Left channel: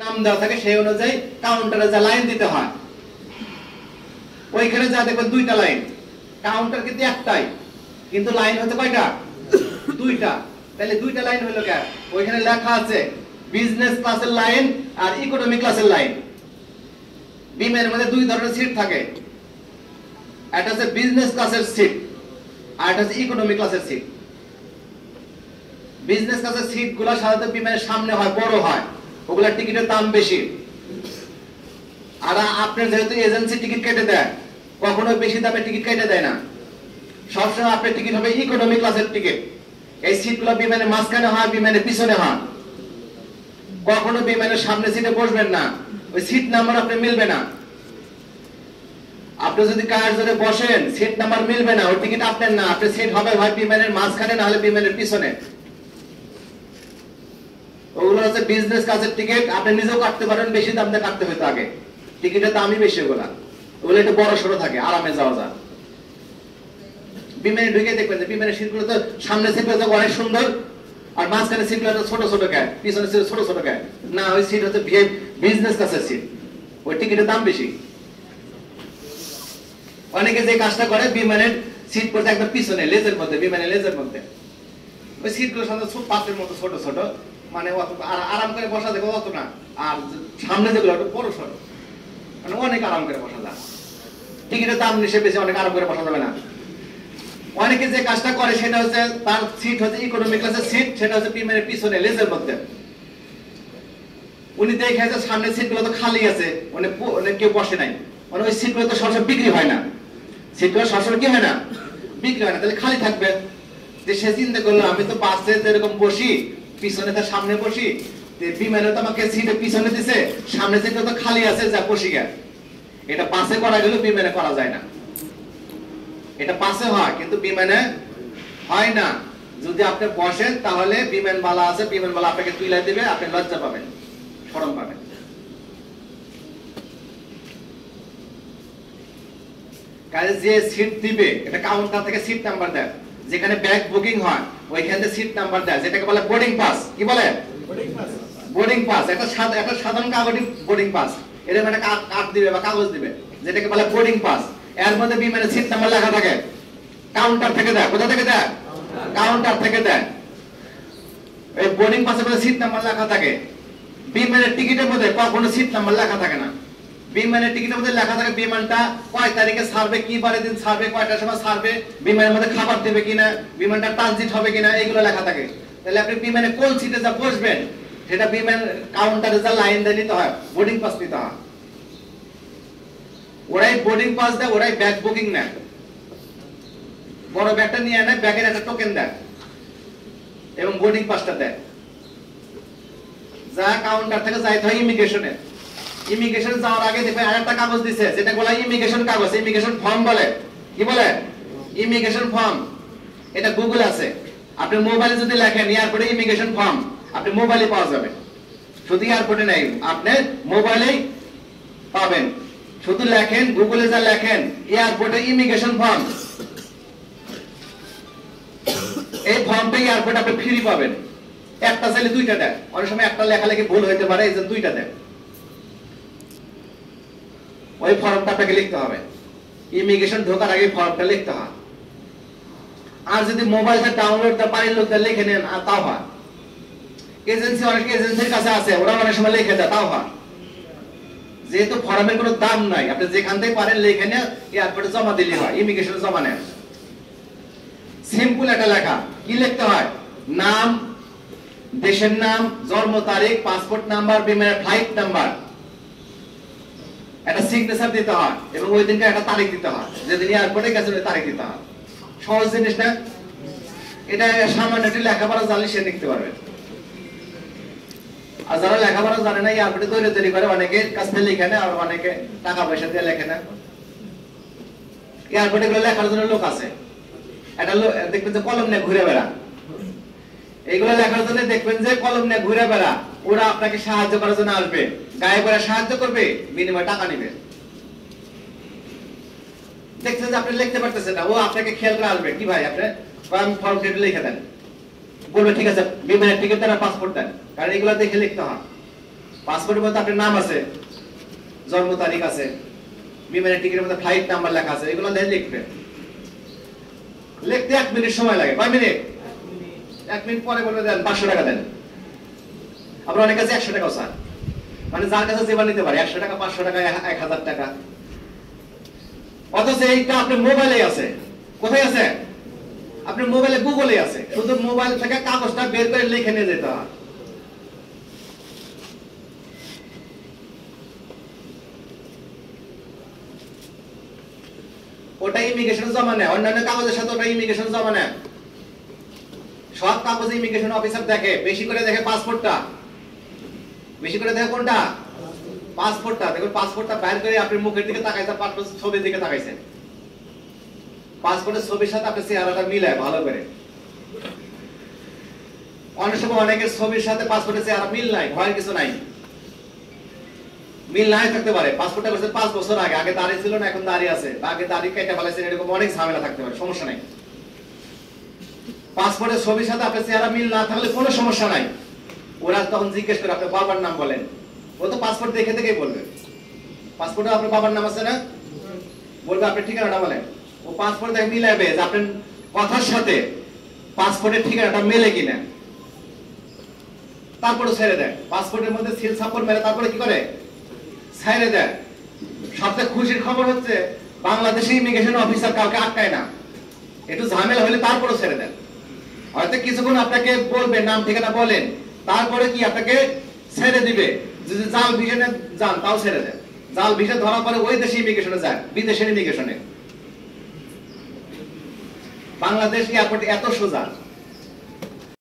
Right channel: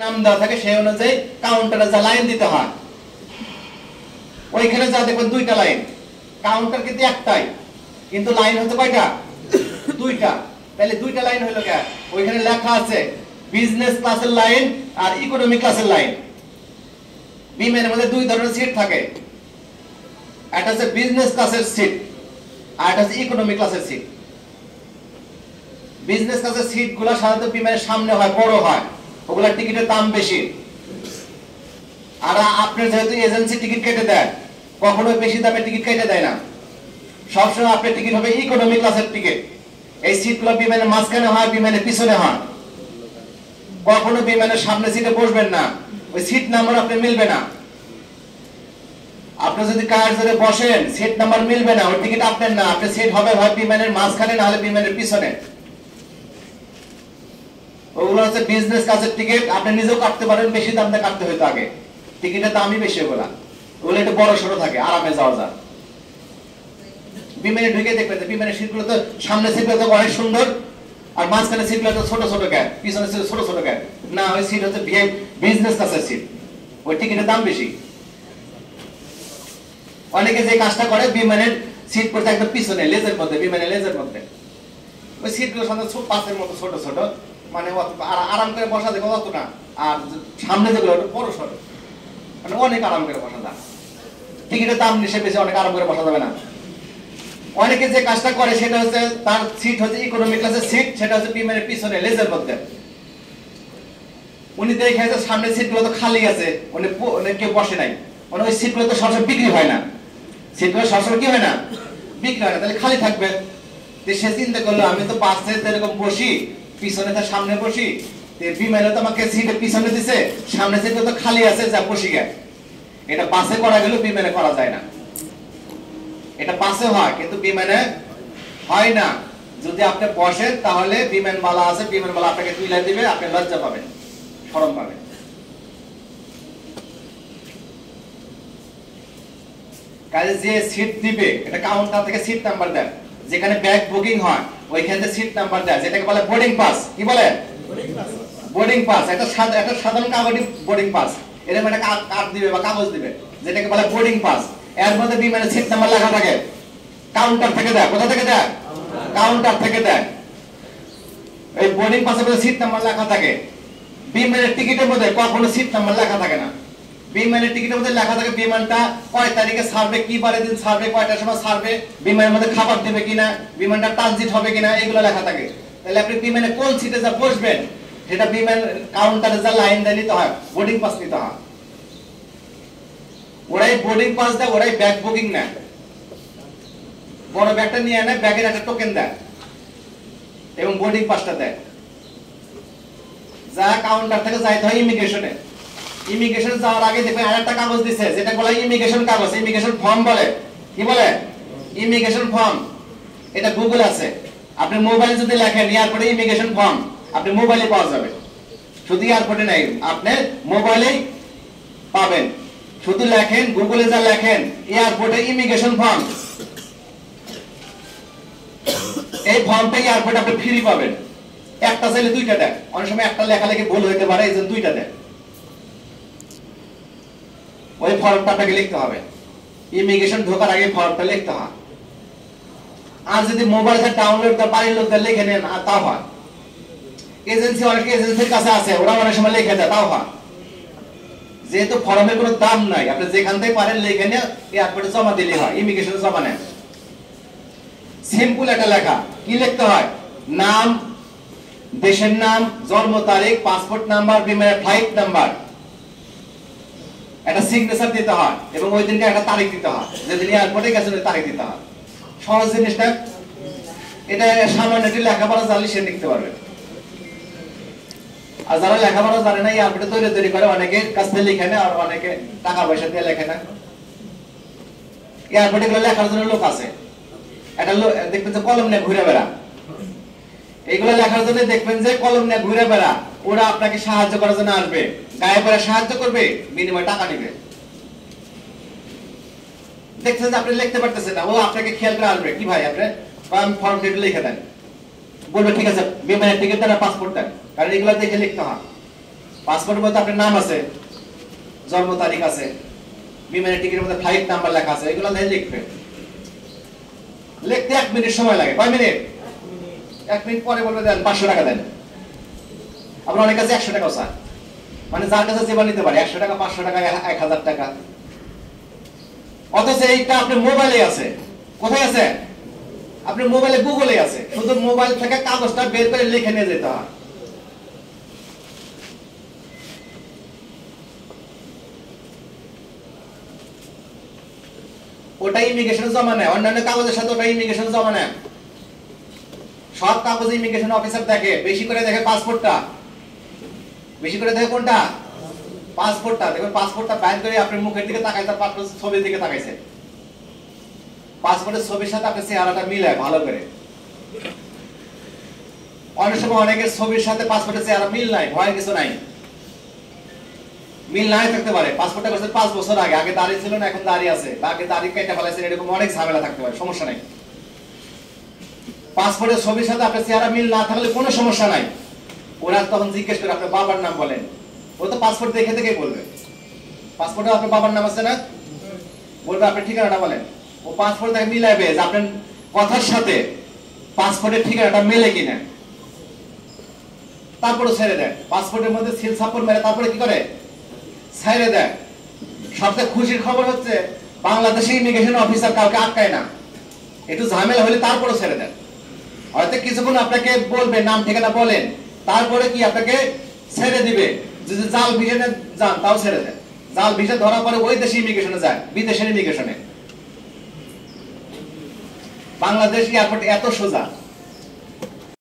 নাম দেওয়া থাকে সেই অনুযায়ী কাউন্টারে যা লাইন দিতে হয়, ওইখানে যা দেখবেন দুইটা লাইন, কাউন্টার কিন্তু একটাই, কিন্তু লাইন হচ্ছে কয়টা? দুইটা। তাহলে দুইটা লাইন হলো কেন? ওইখানে লেখা আছে বিজনেস ক্লাসের লাইন আর ইকোনমি ক্লাসের লাইন। বিমানের মধ্যে দুই ধরনের সিট থাকে, একটা হচ্ছে বিজনেস ক্লাসের সিট আর একটা হচ্ছে ইকোনমি ক্লাসের সিট। বিজনেস ক্লাসের সিট গুলা সাধারণত বিমানের সামনে হয়, বড় হয়, ওগুলা টিকিটের দাম বেশি। আর আপনার যেহেতু এজেন্সি টিকিট কেটে দেয়, কখনো বেশি দামে টিকিট কেটে দেয় না, সবসময় আপনার টিকিট হবে ইকোনমি ক্লাসের টিকিট। এই সিটগুলো বিমানের মাঝখানে হয়, বিমানের পিছনে হয়। কখনো বিমানের সামনে সিটে বসবেন না, ওই সিট নাম্বার আপনার মিলবে না। আপনি যদি কার ধরে বসেন, সিট নাম্বার মিলবে না, ওই টিকিট আপনার না, আপনার সিট হবে হয় বিমানের মাঝখানে না হলে বিমানের পিছনে। ওগুলো হচ্ছে বিজনেস ক্লাসের টিকিট, আপনি নিজেও কাটতে পারেন, বেশি দাম দিয়ে কাটতে হইতো আগে, টিকিটের দামই বেশি। ওগুলো একটু বড় সড়ো থাকে, আরামে যাওয়া যায়। বিমানে ঢুকে দেখবেন বিমানের সিটগুলো তো সামনে সিটগুলো তো অনেক সুন্দর, আর মাঝখানে সিটগুলো তো ছোট ছোট গায়ে, পিছনে সিট ছোট ছোট গায়ে। না, ওই সিট হচ্ছে বিজনেস ক্লাসের সিট, ওই টিকিটের দাম বেশি। অনেকে যে কাজটা করে বিমানের সিট পড়তে একদম পিছনে লেজের মধ্যে, বিমানের লেজের মধ্যে, ওই সিটগুলো সাধারণত পাশের মতো ছোট ছোট, মানে আরাম করে বসা যাবে অত না। আর সামনে যেগুলো বড় সড়ো, মানে অনেক আরাম করে বসা যায়, টিকিটের দাম বেশি বেশি, অনেক আরাম করে বসা যাবে না। অনেকে যে কাজটা করে সেটা হচ্ছে তার সিট হচ্ছে ইকোনমি ক্লাসের সিট, সেটা হচ্ছে বিমানের পিছনে লেজের মধ্যে। উনি দেখে যে সামনের সিটগুলো তো খালি আছে, উনি কেউ বসে নাই, মানে ওই সিটগুলো তো সবসময় বিক্রি হয় না, সিটগুলো সবসময় কি হয় না, বিক্রি হয় না, তাহলে খালি থাকবে। সে চিন্তা করলো আমি তো বাসে এরকম বসি, পিছনে তার সামনে বসি, বিমানে তো আমাকে সিটের পিছনে দিছে, সামনে সিটটা তো খালি আছে, যা বসি গে। এটা বাসে করা গেল, বিমানে করা যায় না। এটা বাসে হয় কিন্তু বিমানে হয় না। যদি আপনি বসেন তাহলে বিমানবালা আছে, বিমানবালা আপনাকে তুলে দিবে, আপনি লজ্জা পাবেন, শরম পাবেন। কাজে যে সিট দিবে, এটা কাউন্টার থেকে সিট নাম্বার দেয়, যেখানে ব্যাগ বুকিং হয় ওইখানে সিট নাম্বার দেয়, যেটাকে বলে বোর্ডিং পাস। কি বলে? Boarding pass. একটা সাধারণ কাগজে বোর্ডিং পাস, এরকম একটা কার্ড দিবে বা কাগজ দিবে, যেটাকে বলে বোর্ডিং পাস। এর মধ্যে বিমানের সিট নাম্বার লেখা থাকে, কাউন্টার থেকে দেয়। কোথা থেকে দেয়? কাউন্টার থেকে দেয়। এই বোর্ডিং পাসে বলে সিট নাম্বার লেখা থাকে। বিমানের টিকিটের মধ্যে কখনো সিট নাম্বার লেখা থাকে না। বিমানের টিকিটের মধ্যে লেখা থাকে বিমানটা কয় তারিখে ছাড়বে, কি বারে দিন ছাড়বে, কয়টার সময় ছাড়বে, বিমানের মধ্যে খাবার দেবে কিনা, বিমানটা ট্রানজিট হবে কিনা, এগুলো লেখা থাকে। তাহলে আপনি বিমানে কোন সিটে যা বসবেন সেটা বিমান কাউন্টারে যা লাইন দিয়ে নিতে হয়, বোর্ডিং পাস নিতে হয়। ওরাই বোর্ডিং পাস দেয়, ওরাই ব্যাগ বুকিং নেয়। বড় ব্যাগটা নিয়ে নেয়, ব্যাগের একটা টোকেন দেয় এবং বোর্ডিং পাসটা দেয়। যা কাউন্টার থেকে যাইতে হয় ইমিগ্রেশনে। ইমিগ্রেশনে যাওয়ার আগে দেখবেন আরেকটা কাগজ দিছে, যেটা বলে ইমিগ্রেশন কাগজ, ইমিগ্রেশন ফর্ম বলে। কি বলে? Immigration form. এটা গুগল আছে, আপনি মোবাইলে যদি লেখেন এয়ারপোর্টে ইমিগ্রেশন ফর্ম, আপনি মোবাইলে পাওয়া যাবে। শুধু এয়ারপোর্টে নাই, আপনি মোবাইলেই পাবেন। শুধু লেখেন, গুগলে যা লেখেন এয়ারপোর্টে ইমিগ্রেশন ফর্ম, এই ফর্মটা এয়ারপোর্টে আপনি ফ্রি পাবেন। একটা চাইলে দুইটা দেয়, অনেক সময় একটা লেখালেখি ভুল হইতে পারে, এই জন্য দুইটা দেয়। ওই ফর্মটা আপনাকে লিখতে হবে, ইমিগ্রেশন ঢোকার আগে ফর্মটা লিখতে হয়। আর যদি মোবাইলে ডাউনলোড করে বাড়ির লোকদের লিখে নেন তাও হয়। এজেন্সি, অনেক এজেন্সির কাছে আছে, ওরা অনেক সময় লিখে দেয়, তাও হয়। যেহেতু ফর্মের কোনো দাম নাই, আপনি যেখান থেকে পারেন লিখে নিয়ে এয়ারপোর্টে জমা দিলে হয়, ইমিগ্রেশনে জমা নেন। সিম্পল একটা লেখা। কি লিখতে হয়? নাম, দেশের নাম, জন্ম তারিখ, পাসপোর্ট নাম্বার, বিমানের ফ্লাইট নাম্বার, একটা সিগনেচার দিতে হয় এবং ওই দিনকে একটা তারিখ দিতে হয়, যেদিন এয়ারপোর্টে গেছেন ওই তারিখ দিতে হয়। সহজ জিনিসটা। এটা সামান্য একটু লেখাপড়া জানলে সে লিখতে পারবে। আর যারা লেখাপড়া জানে না, এয়ারপোর্টে তৈরি করে, অনেকে কাছ থেকে লিখে নেয় আর অনেকে টাকা পয়সা দিয়ে লেখে না। এয়ারপোর্টে গুলো লেখার জন্য লোক আছে, একটা লোক দেখবেন যে কলম নিয়ে ঘুরে বেড়া, এইগুলো লেখার জন্য দেখবেন যে কলম নিয়ে ঘুরে বেড়া। ওরা আপনাকে সাহায্য করার জন্য আসবে, গায়ে পড়ে সাহায্য করবে, বিনিময়ে টাকা নিবে। দেখছেন যে আপনি লিখতে পারতেছেন না, ও আপনাকে খেয়াল করে আসবে, কি ভাই আপনি ফর্ম লিখে দেন, বলবে ঠিক আছে, বিমানের টিকিট আর পাসপোর্ট দেন, কারণ এগুলো দেখে লিখতে হয়। পাসপোর্টের মধ্যে আপনার নাম আছে, জন্ম তারিখ আছে, বিমানের টিকিটের মধ্যে ফ্লাইট নাম্বার লেখা আছে, এগুলো দিয়ে লিখবেন। লিখতে 1 মিনিট সময় লাগে। কয় মিনিট? 1 মিনিট পরে বলবে দেন 500 টাকা দেন। আমরা অনেক কাছে 100 টাকাও চাই, মানে যার কাছে যেবার নিতে পারে 100 টাকা, 500 টাকা, 1000 টাকা। অথচ এইটা আপনার মোবাইলে আছে। কোথায় আছে? আপনার মোবাইলে, গুগলে আছে। শুধু মোবাইল থেকে কাগজটা বের করে লিখে নিয়ে যেতে হয়। ওটা ইমিগ্রেশন জমা নেয়, অন্যান্য কাগজের সাথে ওটা ইমিগ্রেশন জমা নেয়। সব কাগজে ইমিগ্রেশন অফিসার দেখে, বেশি করে দেখে পাসপোর্টটা, বেশি করে দেখে কোনটা? পাসপোর্টটা। দেখবেন পাসপোর্টটা বাইর করে আপনার মুখের দিকে তাকাইছে, পাসপোর্টের ছবির দিকে তাকাইছে, পাসপোর্টের ছবির সাথে আপনার চেহারাটা মিলায় ভালো করে। অনেক সময় অনেকের ছবির সাথে পাসপোর্টের চেহারা মিল নাই, ভয়ের কিছু নাই, মিল নাই থাকতে পারে। পাসপোর্টটা করছে 5 বছর আগে, আগে দাঁড়িয়ে ছিল না, এখন দাঁড়িয়ে আছে, আগে দাঁড়িয়ে কেটে ফেলাইছেন, এরকম অনেক ঝামেলা থাকতে পারে, সমস্যা নাই। পাসপোর্টের ছবির সাথে আপনার চেহারা মিল না থাকলে কোনো সমস্যা নাই। ওরা তখন জিজ্ঞেস করে আপনার বাবার নাম বলেন, ও তো পাসপোর্ট দেখে দেখেই বলবে। পাসপোর্টে আপনার বাবার নাম আছে না, বলবে আপনার ঠিকানাটা বলেন। ও পাসপোর্ট দেখে মিলাইবে যে আপনার কথার সাথে পাসপোর্টের ঠিকানাটা মেলে কিনা, তারপরে ছেড়ে দেয়। পাসপোর্টের মধ্যে সিল সাপোর্ট মেলে তারপরে কি করে? ছেড়ে দেয়। সবচেয়ে খুশির খবর হচ্ছে বাংলাদেশে ইমিগ্রেশন অফিসার কাউকে আটকায় না, একটু ঝামেলা হলে তারপরে ছেড়ে দেন। হয়তো কিছুক্ষণ আপনাকে বলবে, নাম ঠিকানা বলেন, তারপরে কি আপনাকে ছেড়ে দিবে। যদি জাল ভিসাতে যান তাও ছেড়ে দেন। জাল ভিসা ধরা পরে ওই দেশে ইমিগ্রেশনে যায়, বিদেশের ইমিগ্রেশনে। বাংলাদেশ এয়ারপোর্ট এত সোজা।